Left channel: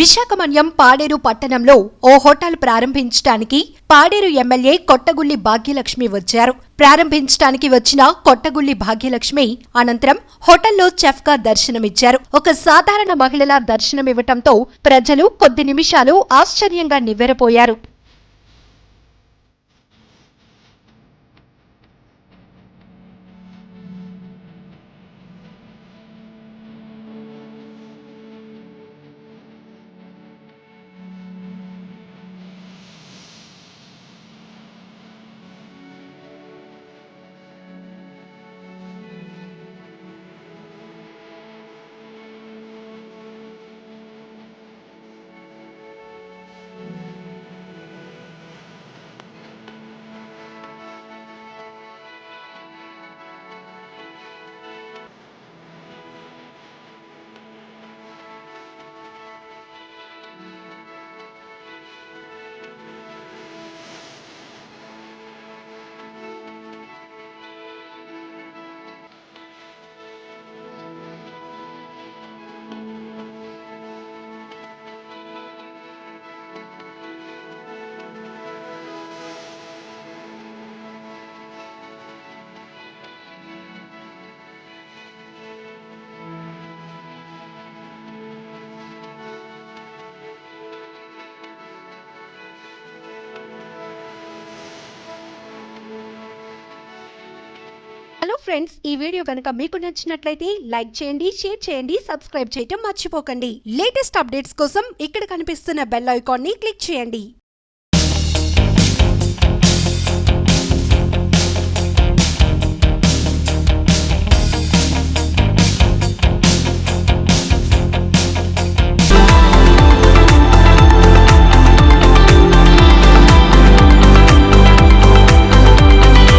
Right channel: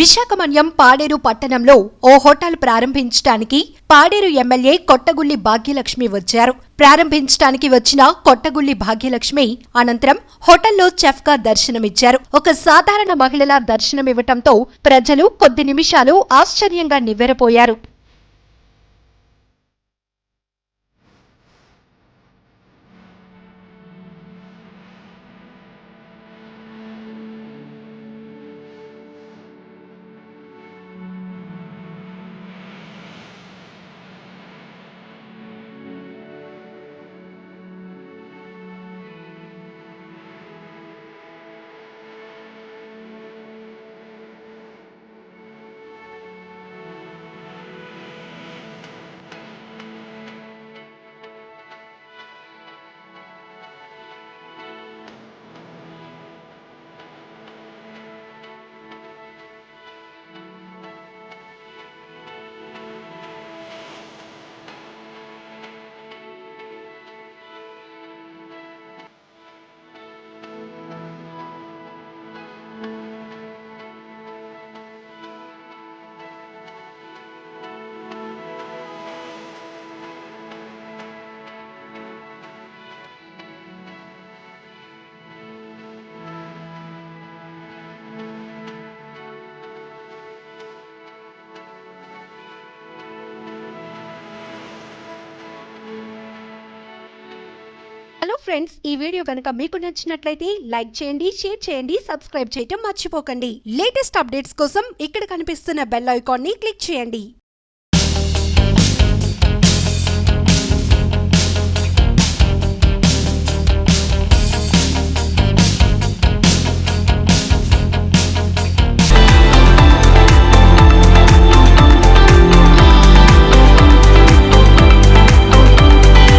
విశాఖమన్యం పాడేరు పట్టణంలో ఓ హోటల్ ప్రారంభించడానికి పాడేరు ఎమ్మెల్యే కొట్టగుళ్లి భాగ్యలక్ష్మి వచ్చారు. ప్రారంభించడానికి వచ్చిన కొట్టగుళ్లి భాగ్యలక్ష్మి అనంతరం హోటల్లో చెఫ్ గా దర్శనమిచ్చారు. ఒక సాధారణ మహిళలా దర్శనమివ్వటంతో ప్రజలు కొద్ది నిమిషాలు ఆశ్చర్యంగా నివ్వెరపోయారు. హలో ఫ్రెండ్స్, ఈ వీడియో కనుక మీకు నచ్చినట్లయితే లైక్ చేయండి, షేర్ చేయండి, సబ్స్క్రైబ్ చేయటం మర్చిపోకండి. లేటెస్ట్ అప్డేట్స్ కోసం ఇక్కడ కనిపిస్తున్న బెల్ ఐకాన్ ని క్లిక్ చేయండి.